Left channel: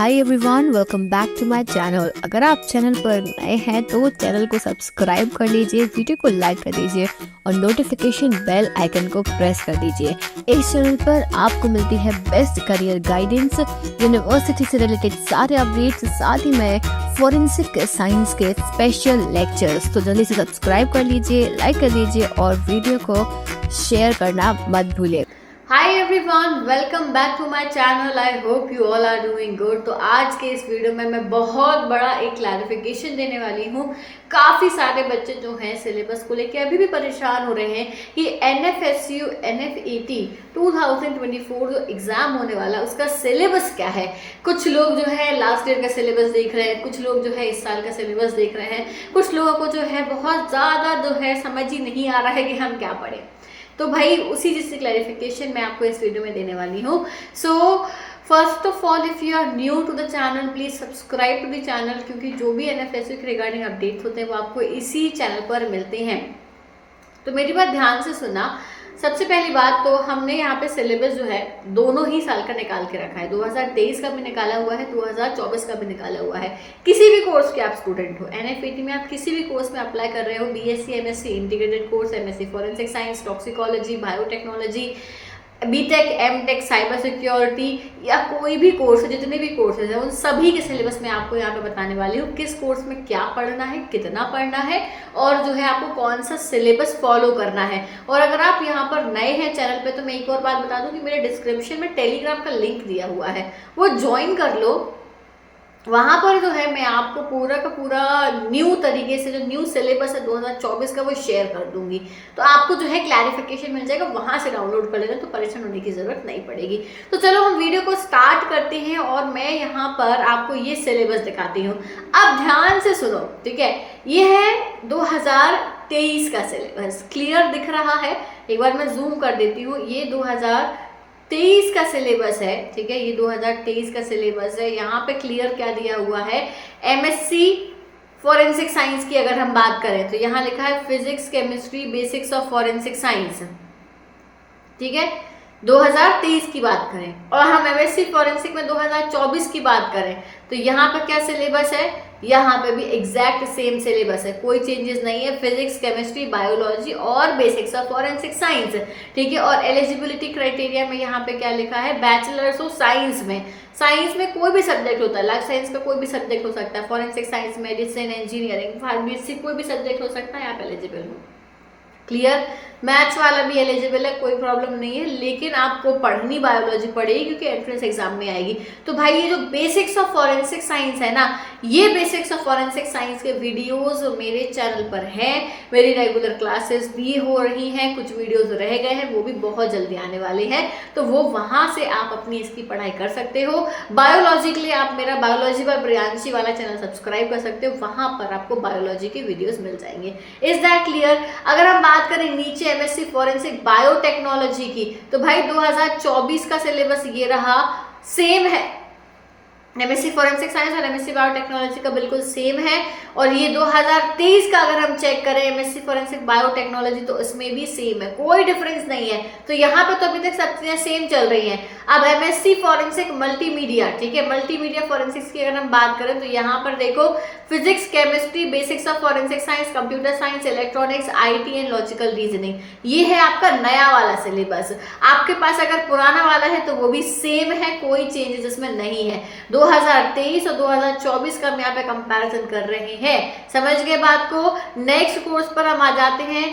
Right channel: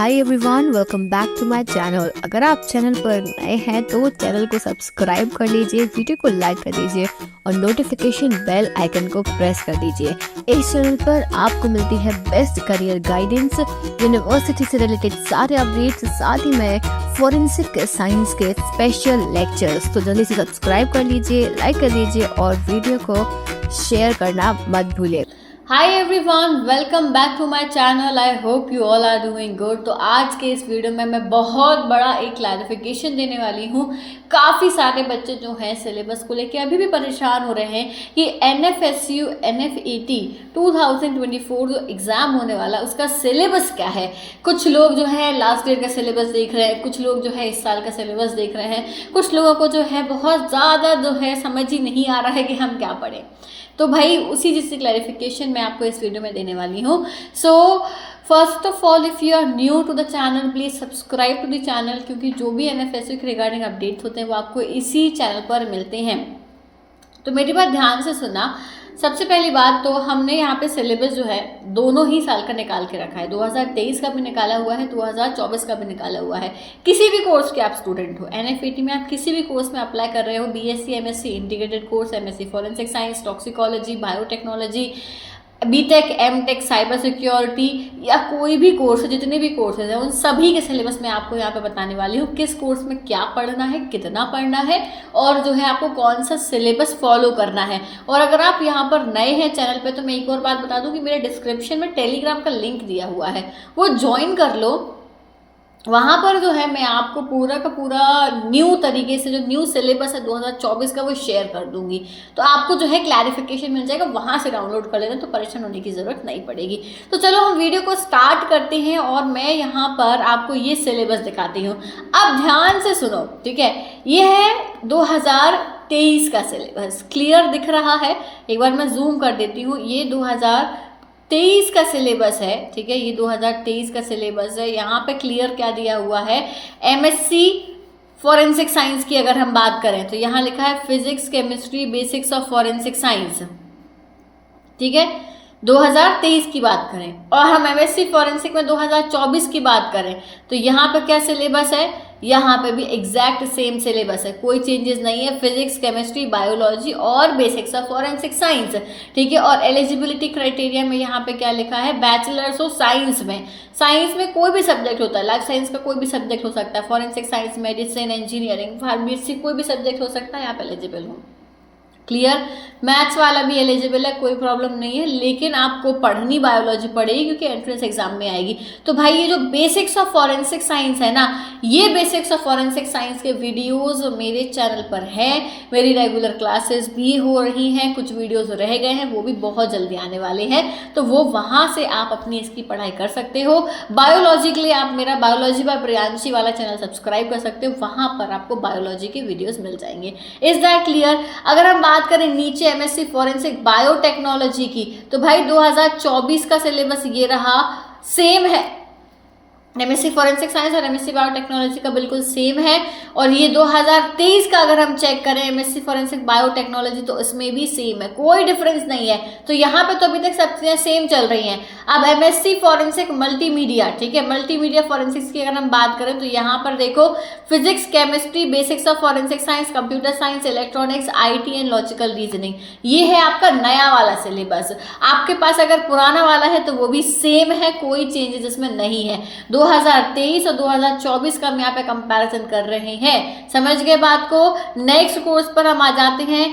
Hi everyone, welcome back to my channel. अगर आप channel पर नए हैं तो चैनल को सब्सक्राइब कर लीजिए, वीडियो को लाइक कर दीजिए और नोटिफिकेशन बेल आइकन को प्रेस कर दीजिए। इस चैनल पर आपको मिलती है बेस्ट करियर गाइडेंस, यूनिवर्सिटी से रिलेटेड सारे अपडेट्स, साथ ही में फॉरेंसिक साइंस के स्पेशल लेक्चर्स। तो जल्दी से सब्सक्राइब कर लीजिए, लाइक कर लीजिए और वीडियो को शेयर करना मत भूलिए। Hi everyone, welcome back to my channel. I hope you all are doing good. तो आज के इस वीडियो में मैं बहुत बड़ा एक क्लैरिफिकेशन देने वाली हूँ। काफ़ी सारे बच्चे जो हैं सिलेबस को लेके अभी भी परेशान हो रहे हैं कि NFSU NFET 2024 जो एग्ज़ाम होने वाला है उसका सिलेबस क्या है। कुछ लोग जो है लास्ट ईयर का सिलेबस देख रहे हैं, कुछ लोग जो है इस साल का सिलेबस देख रहे हैं, कुछ लोगों को जो है बहुत ज़्यादा जो है समझ ही नहीं आ रहा है कि हम क्या पढ़ें। तो भाई उसी चीज़ की क्लैरिफिकेशन मैं आपको इस वीडियो में देने वाली हूँ। So first of all, if you are new to the channel please subscribe to the channel, क्योंकि जो भी NFSU के रिगार्डिंग अपडेट्स होते हैं वो आपको इसी चैनल पर मिलते हैं। तो मेरी बात ध्यान से सुनना। सबसे पहली बात तो हमने यहाँ पे सिलेबस जो है दोनों ही साल का निकाल के रखा है। 2023 का भी निकाला हुआ है, 2024 का भी निकाला हुआ है। किसी भी कोर्स के आप स्टूडेंट हो, NFET में आप किसी भी कोर्स में अप्लाई कर रहे हो, BSc MSc integrated course, MSc forensic science, toxicology, biotechnology, BTech MTech, cyber security या कोई भी कोर्स है, जितने भी कोर्सेज हैं उन सभी के सिलेबस मैं आपको यहाँ पे बताने वाली हूँ। किस कोर्स में क्या पढ़ना है, कितना पढ़ना है और जो है आपको कौन सा सिलेबस फॉलो करना है। और अगर आप यहाँ पर नए हैं चैनल पे तो मैं एक और बात बता दूँ कि मेरे डिस्क्रिप्शन में टेलीग्राम का लिंक दिया हुआ है, वो ज्वाइन कर लो। वहाँ पर जो है मैं आपको पूरा का पूरा न्यू तरीके से जो न्यू सिलेबस है 2024 का वो शेयर कर दूंगी। तो आपको जो है क्लैरिफिकेशन मिल जाएगा, वहाँ से डाउनलोड कर लेना, तो परेशान होने की ज़रूरत नहीं पड़ेगी। तो चलो हम वीडियो को स्टार्ट करते हैं और मैं यहाँ पर आपको ये सिलेबस दिखाती हूँ। अब ध्यान से सुनो, ठीक है। ये है 2023 का सिलेबस, क्लियर दिख रहा है? एक बार मैं जूम कर देती हूँ। ये 2023 का सिलेबस है, ठीक है। ये 2023 का सिलेबस है। यहाँ पे क्लियर क्या दिया हुआ है, MSc फॉरेंसिक साइंस की अगर हम बात करें तो यहाँ लिखा है physics chemistry basics of forensic science, ठीक है। 2023 की बात करें और हम MSc फॉरेंसिक में 2024 की बात करें तो यहाँ पर क्या सिलेबस है, यहाँ पे भी एग्जैक्ट सेम सिलेबस है, कोई चेंजेस नहीं है। फिजिक्स केमिस्ट्री बायोलॉजी और बेसिक्स ऑफ फॉरेंसिक साइंस, ठीक है। और एलिजिबिलिटी क्राइटेरिया में यहाँ पे क्या लिखा है, बैचलर्स ऑफ साइंस में कोई भी सब्जेक्ट होता है, लाइफ साइंस का कोई भी सब्जेक्ट हो सकता है, forensic science, medicine, engineering, pharmacy, कोई भी सब्जेक्ट हो सकता है, आप एलिजिबल हो। क्लियर? मैथ्स वाला भी एलिजिबल है, कोई प्रॉब्लम नहीं है, लेकिन आपको पढ़नी बायोलॉजी पड़ेगी क्योंकि एंट्रेंस एग्जाम में आएगी। तो भाई ये जो बेसिक्स ऑफ फॉरेंसिक साइंस है ना, ये बेसिक्स ऑफ फॉरेंसिक साइंस के वीडियोस मेरे चैनल पर हैं। मेरी रेगुलर क्लासेस भी हो रही हैं, कुछ वीडियोस रह गए हैं, वो भी बहुत जल्दी आने वाले हैं, तो वो वहाँ से आप अपनी इसकी पढ़ाई कर सकते हो। बायोलॉजी के लिए आप मेरा बायोलॉजी बाय प्रियांशी वाला चैनल सब्सक्राइब कर सकते हो, वहाँ पर आपको बायोलॉजी के वीडियोज़ मिल जाएंगे। Is that clear? अगर हम बात करें नीचे MSc फॉरेंसिक बायोटेक्नोलॉजी की तो भाई 2024 का सिलेबस ये रहा, सेम है। MSc फॉरेंसिक साइंस और MSc बायोटेक्नोलॉजी का बिल्कुल सेम है। और ये 2023 का अगर हम चेक करें MSc फॉरेंसिक बायोटेक्नोलॉजी तो उसमें भी सेम है, कोई डिफरेंस नहीं है। तो यहाँ पे तो अभी तक सब चीज़ें सेम चल रही हैं। अब MSc फॉरेंसिक मल्टीमीडिया, ठीक है, मल्टीमीडिया फॉरेंसिक्स की अगर हम बात करें तो यहाँ पर देखो physics chemistry basics of forensic science, computer science, electronics, IT and logical reasoning, ये है आपका नया वाला सिलेबस। आपके पास अगर पुराना वाला है तो वो भी सेम है, कोई चेंजेस इसमें नहीं है। 2023 और 2024 का हम यहाँ पे कंपैरिजन कर रहे हैं, समझ गए बात को। नेक्स्ट कोर्स पर हम आ जाते हैं,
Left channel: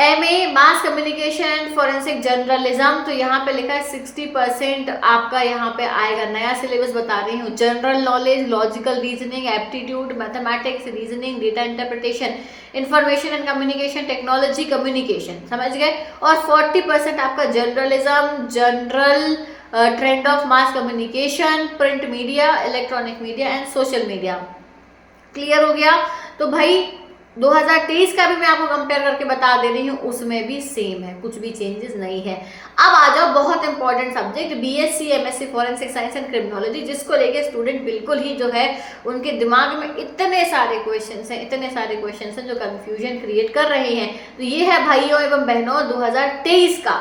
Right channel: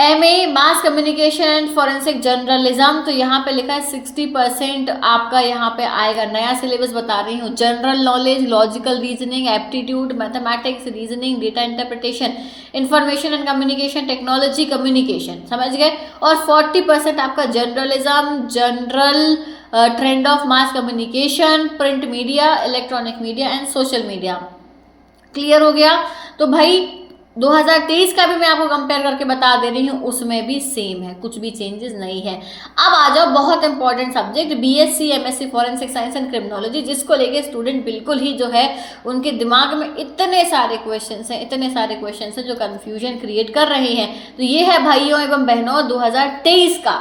MA mass communication and forensic journalism. तो यहाँ पे लिखा है 60% आपका यहाँ पे आएगा। नया सिलेबस बता रही हूँ, general knowledge, logical reasoning, aptitude, mathematics, reasoning, data interpretation, information and communication technology, communication, समझ गए। और 40% आपका journalism, general trend of mass communication, print media, electronic media and social media. Clear हो गया? तो भाई 2023 का भी मैं आपको कंपेयर करके बता दे रही हूँ, उसमें भी सेम है, कुछ भी चेंजेस नहीं है। अब आ जाओ बहुत important subject BSc MSc forensic science and criminology, जिसको लेके स्टूडेंट बिल्कुल ही जो है उनके दिमाग में इतने सारे क्वेश्चंस हैं जो कंफ्यूजन क्रिएट कर रहे हैं। तो ये है भाइयों एवं बहनों 2023 का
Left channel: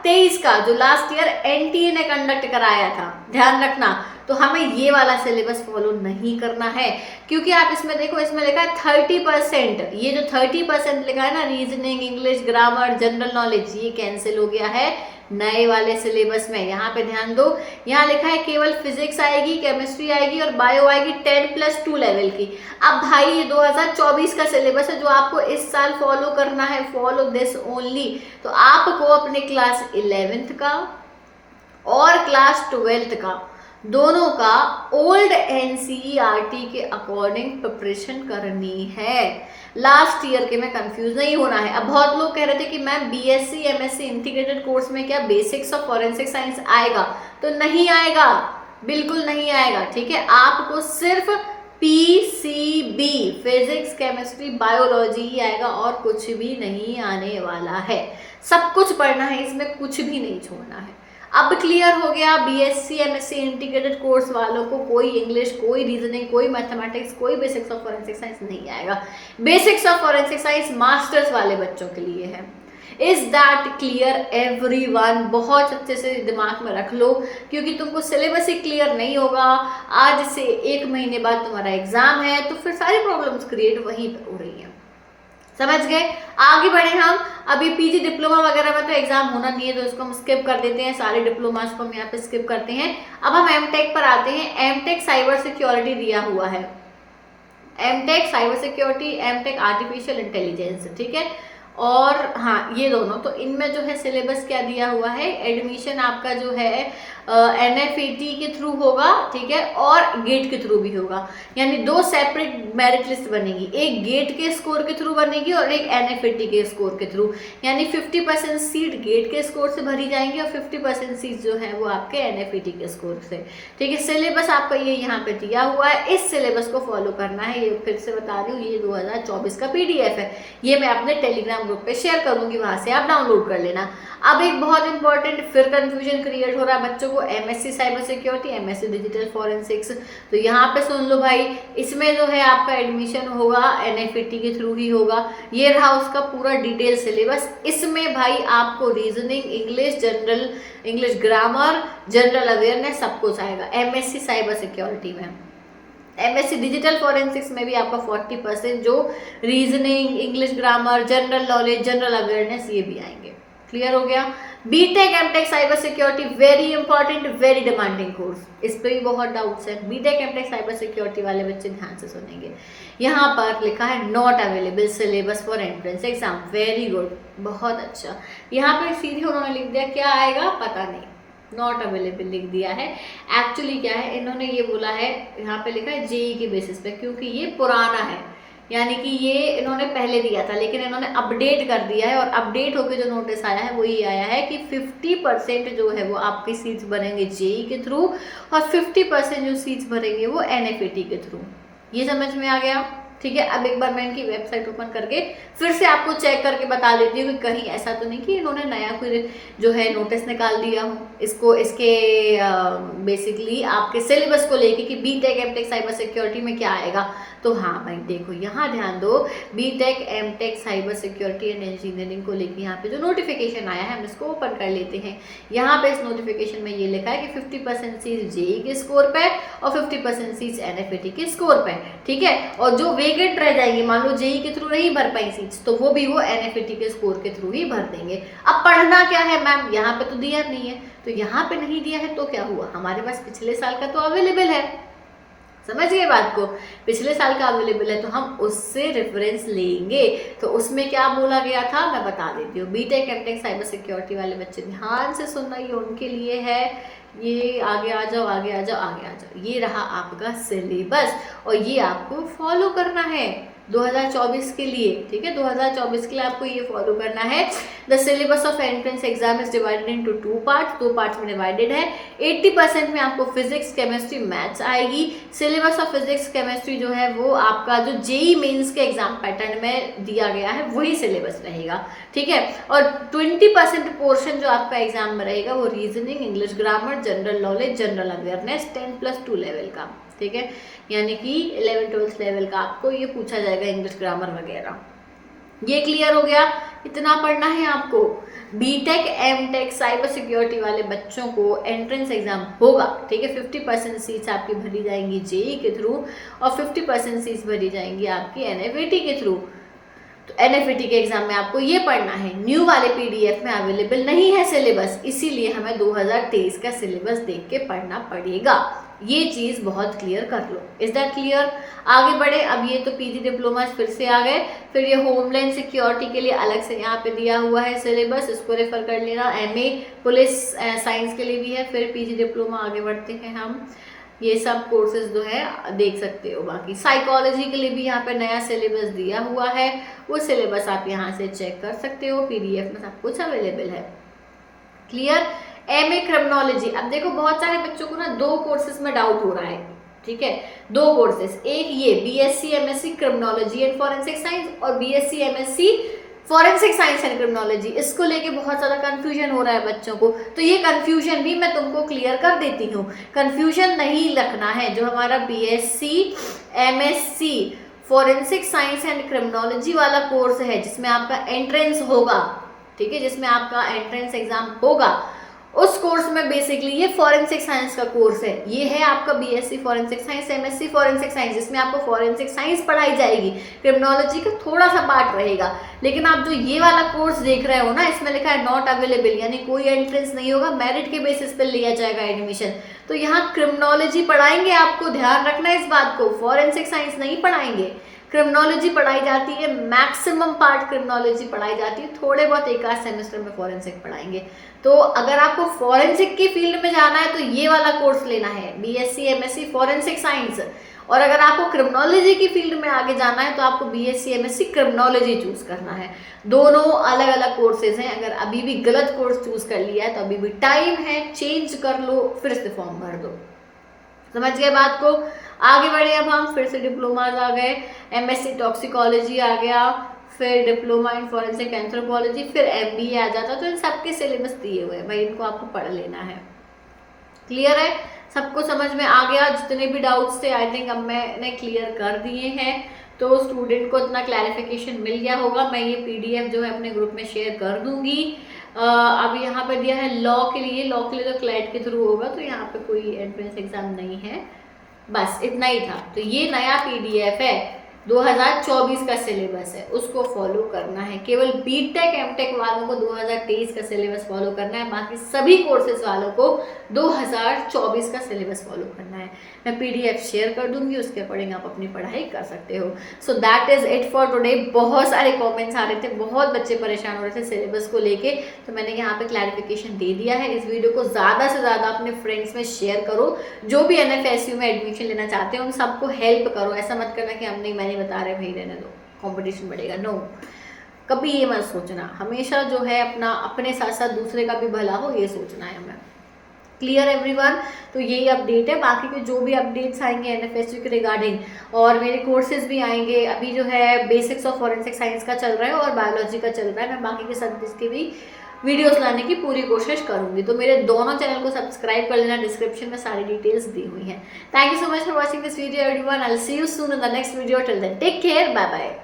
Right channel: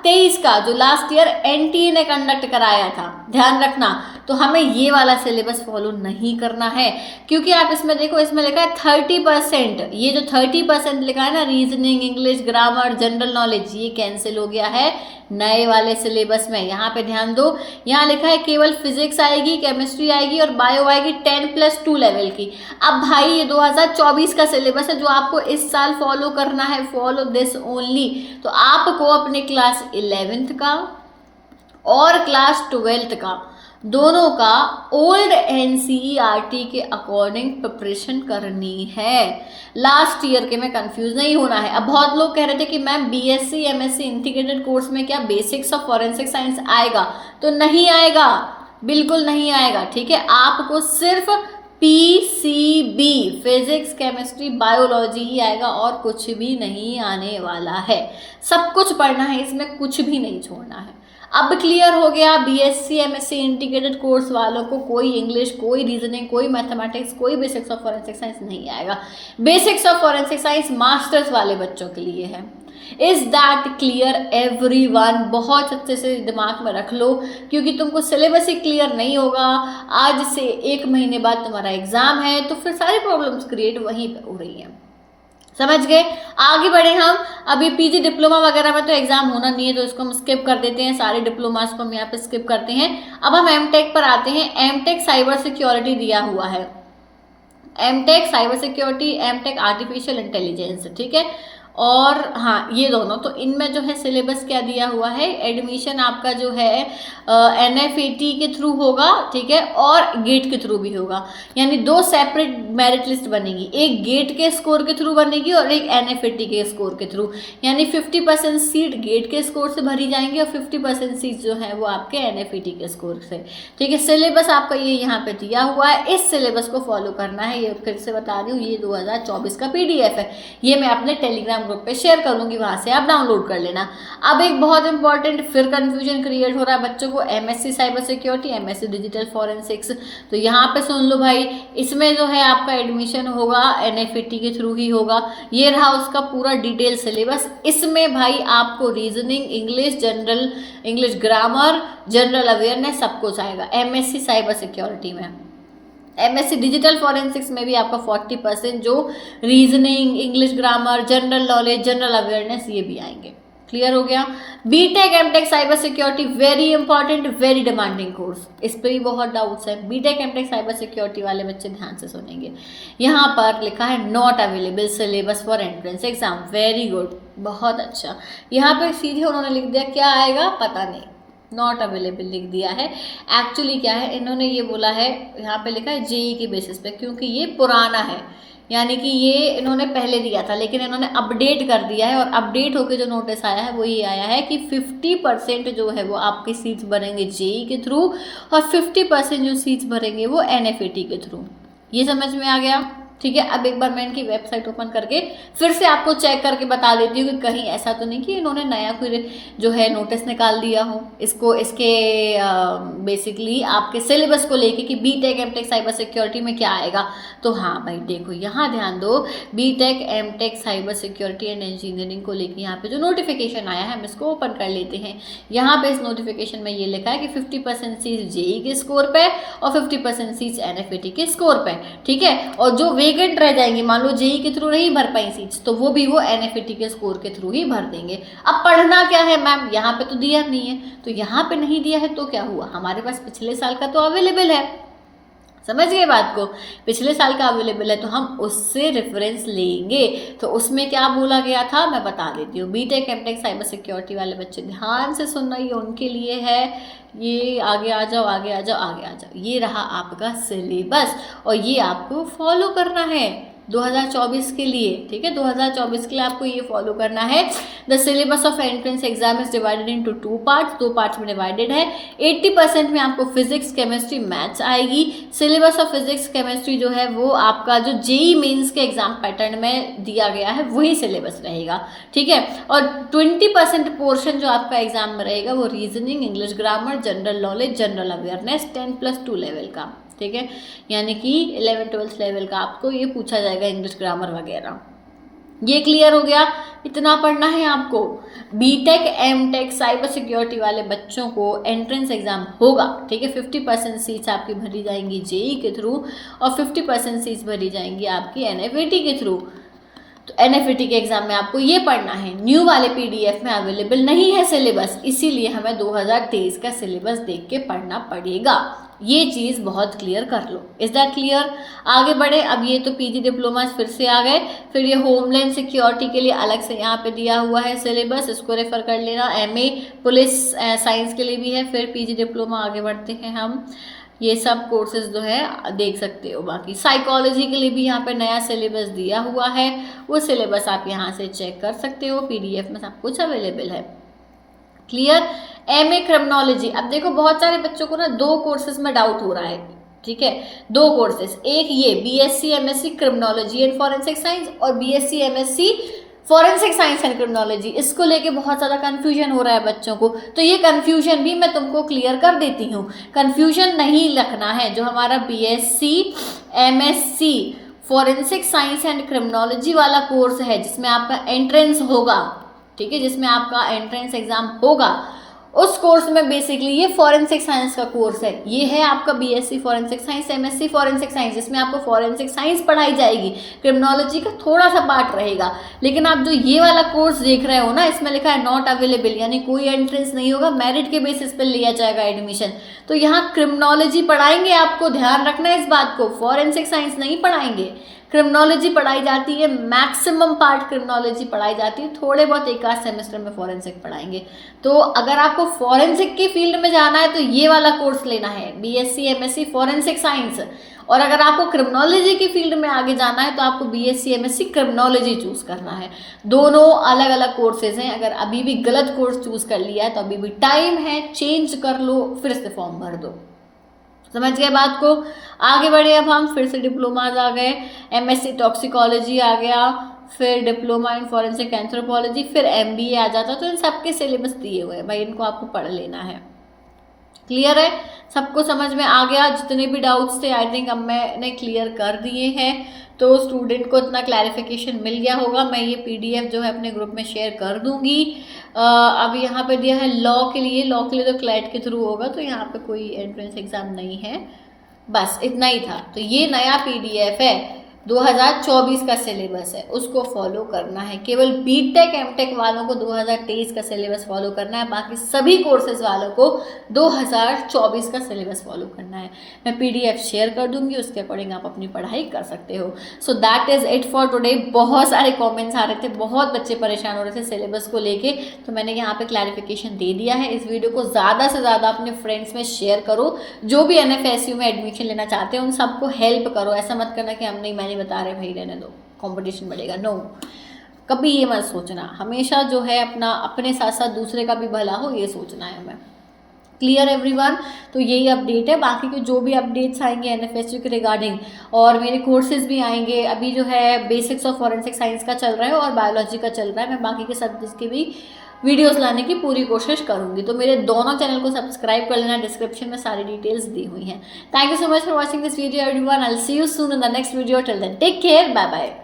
2023 का जो लास्ट ईयर एनटीए ने कंडक्ट कराया था, ध्यान रखना। तो हमें ये वाला सिलेबस फॉलो नहीं करना है, क्योंकि आप इसमें देखो, इसमें लिखा है 30%। ये जो 30% लिखा है ना, reasoning, English, grammar, general knowledge, ये कैंसिल हो गया है नए वाले सिलेबस में। यहाँ पे ध्यान दो, यहाँ लिखा है केवल फिजिक्स आएगी, केमिस्ट्री आएगी और बायो आएगी 10+2 लेवल की। अब भाई ये 2024 का सिलेबस है जो आपको इस साल फॉलो करना है, फॉलो दिस ओनली। तो आपको अपने क्लास 11th का और क्लास 12th का दोनों का ओल्ड एनसीईआरटी के अकॉर्डिंग प्रिपरेशन करनी है। लास्ट ईयर के में कंफ्यूज नहीं होना है। अब बहुत लोग कह रहे थे कि ma'am BSc MSc integrated course में क्या बेसिक्स ऑफ फॉरेंसिक साइंस आएगा? तो नहीं आएगा, बिल्कुल नहीं आएगा, ठीक है। आपको सिर्फ पीसीबी, फिजिक्स, केमिस्ट्री, बायोलॉजी ही आएगा और कुछ भी नहीं आने वाला है। सब कुछ पढ़ना है, इसमें कुछ भी नहीं छोड़ना है। अब क्लियर हो गया, बीएससी एमएससी इंटीग्रेटेड कोर्स वालों को कोई इंग्लिश, कोई रीजनिंग, कोई मैथमेटिक्स, कोई बेसिक्स ऑफ फॉरेंसिक साइंस नहीं आएगा। Basics of forensic science masters वाले बच्चों के लिए है। Is that clear everyone? बहुत अच्छे से दिमाग में रख लो, क्योंकि तुमको सिलेबस ही क्लियर नहीं होगा, आज से 1 महीने बाद तुम्हारा एग्जाम है, तो फिर सारी प्रॉब्लम्स क्रिएट वहीं पर हो रही हैं। समझ गए? आगे बढ़े हम। अभी पीजी डिप्लोमा वगैरह में तो एग्जाम होना नहीं है, तो इसको हम स्किप कर देते हैं, सारे डिप्लोमास को हम यहाँ पे स्किप करते हैं। अब हम एमटेक पर आते हैं। एमटेक साइबर सिक्योरिटी दिया हुआ है, MTech cyber security, MTech artificial intelligence, ठीक है। और हाँ, ये दोनों, तो इनमें जो है सिलेबस क्या दिया हुआ है, एडमिशन आपका जो है एनएफईटी के थ्रू होगा, ठीक है, और गेट के थ्रू भी होगा। यानी 2 सेपरेट मेरिट लिस्ट बनेगी, एक गेट के स्कोर के थ्रू बनेगी और एक एनएफईटी के स्कोर के थ्रू। यानी 50% सीट गेट के स्कोर से भरी जाएंगी और 50% सीट जो है वो आपके एनएफईटी के स्कोर से, ठीक है। सिलेबस आपका ये यहाँ पे दिया हुआ है, इस सिलेबस को फॉलो करना है। ये फिर से बता रही हूँ, ये 2024 का पीडीएफ है, ये मैं अपने टेलीग्राम ग्रुप पे शेयर करूंगी, वहां से आप डाउनलोड कर लेना। अब एक बहुत इंपॉर्टेंट फिर कंफ्यूजन क्रिएट हो रहा है बच्चों को, MSc cyber security, MSc digital forensics. तो यहाँ पे सुन लो भाई, इसमें जो है आपका एडमिशन होगा एनएफईटी के थ्रू ही होगा। ये रहा उसका पूरा डिटेल सिलेबस। इसमें भाई आपको reasoning, English, general English, grammar, general awareness सब कुछ आएगा एमएससी साइबर सिक्योरिटी में। एमएससी डिजिटल फॉरेंसिक्स में भी आपका 40% जो reasoning, English, grammar, general knowledge, general awareness, ये भी आएंगे। क्लियर हो गया? BTech MTech cyber security very important, very demanding course, इस पर भी बहुत डाउट्स है। बीटेक एमटेक साइबर सिक्योरिटी वाले बच्चे ध्यान से सुनेंगे। यहाँ पर लिखा है not available syllabus for entrance exam, very good, बहुत अच्छा। यहाँ पर सीधे उन्होंने लिख दिया, क्या आएगा पता नहीं, नॉट अवेलेबल लिख दिया है। एक्चुअली क्या है, इन्होंने ये बोला है, यहाँ पे लिखा है जेई के बेसिस पे, क्योंकि ये पुराना है, यानी कि ये इन्होंने पहले दिया था, लेकिन इन्होंने अपडेट कर दिया है। और अपडेट होकर जो नोटिस आया है वो ये आया है कि 50% जो है वो आपकी सीट्स बनेंगे जेई के थ्रू और 50% जो सीट्स भरेंगे वो एनएफईटी के थ्रू। ये समझ में आ गया? ठीक है। अब एक बार मैं इनकी वेबसाइट ओपन करके फिर से आपको चेक करके बता देती हूँ कि कहीं ऐसा तो नहीं कि इन्होंने नया कोई जो है नोटिस निकाल दिया हो इसको, इसके बेसिकली आपके सिलेबस को लेके कि बीटेक एमटेक साइबर सिक्योरिटी में क्या आएगा। तो हाँ भाई देखो, यहाँ ध्यान दो, BTech MTech cyber security and engineering को लेके यहाँ पे जो नोटिफिकेशन आया है हम इसको ओपन कर लेते हैं। यहाँ पे इस नोटिफिकेशन में ये लिखा है कि 50% सीट्स जेई के स्कोर पे और 50% सीट्स एनएफईटी के स्कोर पे, ठीक है। और जो वेकेंट रह जाएंगे, मान लो जेई के थ्रू नहीं भर पाई सीट्स, तो वो भी वो एनएफईटी के स्कोर के थ्रू ही भर देंगे। अब पढ़ना क्या है मैम, यहाँ पे तो दिया नहीं है, तो यहाँ पे नहीं दिया है तो क्या हुआ, हमारे पास पिछले साल का तो अवेलेबल है, समझ गए बात को, पिछले साल का अवेलेबल है तो हम उससे रेफरेंस लेंगे। तो उसमें क्या बोला गया था मैं बता देती हूँ। बीटेक एमटेक साइबर सिक्योरिटी वाले बच्चे ध्यान से सुनना, ये उनके लिए है। ये आगे आ जाओ, आगे आ जाओ, आगे आ जाओ, ये रहा आपका सिलेबस और ये आपको फॉलो करना है 2024 के लिए, ठीक है। 2024 के लिए आपको ये फॉलो करना है। The syllabus of entrance exam is divided into 2 parts, 2 parts में डिवाइडेड है। 80% में आपको फिजिक्स, केमिस्ट्री, मैथ्स आएगी। सिलेबस ऑफ फिजिक्स, केमिस्ट्री जो है वो आपका जो जेई मेंस के एग्जाम पैटर्न में दिया गया है वही सिलेबस रहेगा, ठीक है। और 20% पोर्शन जो आपका एग्जाम में रहेगा वो reasoning, English, grammar, general knowledge, general awareness 10+2 level का, ठीक है। यानी कि 11th-12th लेवल का आपको ये पूछा जाएगा, इंग्लिश, ग्रामर वगैरह। ये क्लियर हो गया। इतना पढ़ना है आपको। बीटेक, एमटेक, साइबर सिक्योरिटी वाले बच्चों को एंट्रेंस एग्जाम होगा, ठीक है। 50% सीट्स आपकी भरी जाएंगी जेई के थ्रू और 50% सीट्स भरी जाएंगी आपकी एनएफईटी के थ्रू। तो एनएफईटी के एग्जाम में आपको ये पढ़ना है। न्यू वाले पीडीएफ में अवेलेबल नहीं है सिलेबस, इसीलिए हमें 2023 का सिलेबस देख के पढ़ना पड़ेगा। ये चीज़ बहुत क्लियर कर लो। Is that clear? आगे बढ़े। अब ये तो पीजी डिप्लोमा फिर से आ गए। फिर ये होमलैंड सिक्योरिटी के लिए अलग से यहाँ पे दिया हुआ है सिलेबस, इसको रेफर कर लेना। एमए पुलिस साइंस के लिए भी है। फिर पीजी डिप्लोमा आगे बढ़ते हैं हम, ये सब कोर्सेज जो है देख सकते हो। बाकी साइकोलॉजी के लिए भी यहाँ पे नया सिलेबस दिया हुआ है, वो सिलेबस आप यहाँ से चेक कर सकते हो। पीडीएफ में सब कुछ अवेलेबल है। क्लियर? MA criminology. अब देखो बहुत सारे बच्चों को ना 2 कोर्सेज में डाउट हो रहा है, ठीक है। 2 कोर्सेज, एक ये BSc MSc criminology and forensic science और BSc MSc forensic science and criminology. इसको लेके बहुत ज़्यादा कंफ्यूजन हो रहा है बच्चों को, तो ये कंफ्यूजन भी मैं तुमको क्लियर कर देती हूँ। कंफ्यूजन नहीं रखना है। जो हमारा BSc MSc forensic science and criminology वाला कोर्स है, जिसमें आपका एंट्रेंस होगा, ठीक है, जिसमें आपका एंट्रेंस एग्जाम होगा, उस कोर्स में बेसिकली ये फॉरेंसिक साइंस का कोर्स है। ये है आपका BSc forensic science, MSc forensic science, जिसमें आपको फॉरेंसिक साइंस पढ़ाई जाएगी, क्रिमिनोलॉजी का थोड़ा सा पार्ट रहेगा। लेकिन आप जो ये वाला कोर्स देख रहे हो ना, इसमें लिखा है नॉट अवेलेबल, यानी कोई एंट्रेंस नहीं होगा, मेरिट के बेसिस पे लिया जाएगा एडमिशन। तो यहाँ क्रिमिनोलॉजी पढ़ाएंगे आपको, ध्यान रखना इस बात को। फॉरेंसिक साइंस नहीं पढ़ाएंगे, क्रिमिनोलॉजी पढ़ाई जाती है। मैक्सिमम पार्ट क्रिमिनोलॉजी पढ़ाई जाती है, थोड़े बहुत एक आध सेमेस्टर में फॉरेंसिक पढ़ाएंगे। तो अगर आपको फॉरेंसिक की फील्ड में जाना है तो ये वाला कोर्स लेना है, बीएससी एमएससी फॉरेंसिक साइंस। और अगर आपको क्रिमिनोलॉजी की फील्ड में आगे जाना है तो आपको बीएससी एमएससी क्रिमिनोलॉजी चूज करना है। दोनों अलग अलग कोर्सेज हैं। अगर अभी भी गलत कोर्स चूज कर लिया है तो अभी भी टाइम है, चेंज कर लो, फिर से फॉर्म भर दो। समझ गए बात को? आगे बढ़े अब हम। फिर से डिप्लोमाज आ गए, एमएससी टॉक्सिकोलॉजी आ गया, फिर डिप्लोमा इन फॉरेंसिक एंथ्रोपोलॉजी, फिर एमबीए आ जाता। तो इन सबके सिलेबस दिए हुए हैं भाई, इनको आपको पढ़ लेना है। क्लियर है? सबको समझ में आ गया? जितने भी डाउट्स थे आई थिंक अब मैंने क्लियर कर दिए हैं। तो स्टूडेंट को इतना क्लैरिफिकेशन मिल गया होगा। मैं ये पीडीएफ जो है अपने ग्रुप में शेयर कर दूंगी। अब यहाँ पे दिया है लॉ के लिए। लॉ के लिए तो क्लैट के थ्रू होगा, तो यहाँ पे कोई एंट्रेंस एग्जाम नहीं है। बस इतना ही था। तो ये नया पीडीएफ है, 2024 का सिलेबस है, उसको फॉलो करना है। केवल बीटेक एमटेक वालों को 2023 का सिलेबस फॉलो करना है, बाकी सभी कोर्सेज वालों को 2024 का सिलेबस फॉलो करना है। मैं पीडीएफ शेयर कर दूंगी, उसके अकॉर्डिंग आप अपनी पढ़ाई कर सकते हो। So that is it for today. बहुत सारे कमेंट्स आ रहे थे, बहुत बच्चे परेशान हो रहे थे सिलेबस को लेके, तो मैंने यहाँ पे क्लैरिफिकेशन दे दिया है। इस वीडियो को ज़्यादा से ज़्यादा अपने फ्रेंड्स में शेयर करो। जो भी एनएफएसयू में एडमिशन लेना चाहते हैं उन सबको हेल्प करो। ऐसा मत करना कि हम नहीं बता रहे भाई रहने दो, कंपटीशन बढ़ेगा। नो, कभी ये मत सोचना। हमेशा जो है अपने साथ साथ दूसरे का भी भला हो, ये सोचना है हमें। Clear everyone? तो यही अपडेट है। बाकी के जो भी अपडेट्स आएंगे एनएफएसयू के रिगार्डिंग, और मेरे कोर्सेज भी आएंगे। अभी जो है बेसिक्स ऑफ फॉरेंसिक साइंस का चल रहा है और बायोलॉजी का चल रहा है। मैं बाकी के सब्जेक्ट्स की भी वीडियोस लाने की पूरी कोशिश करूंगी। तो मेरे दोनों चैनल को सब्सक्राइब कर लेना, डिस्क्रिप्शन में सारी डिटेल्स दी हुई हैं। Thank you so much for watching this video everyone. I will see you soon in the next video. Till then take care, bye bye.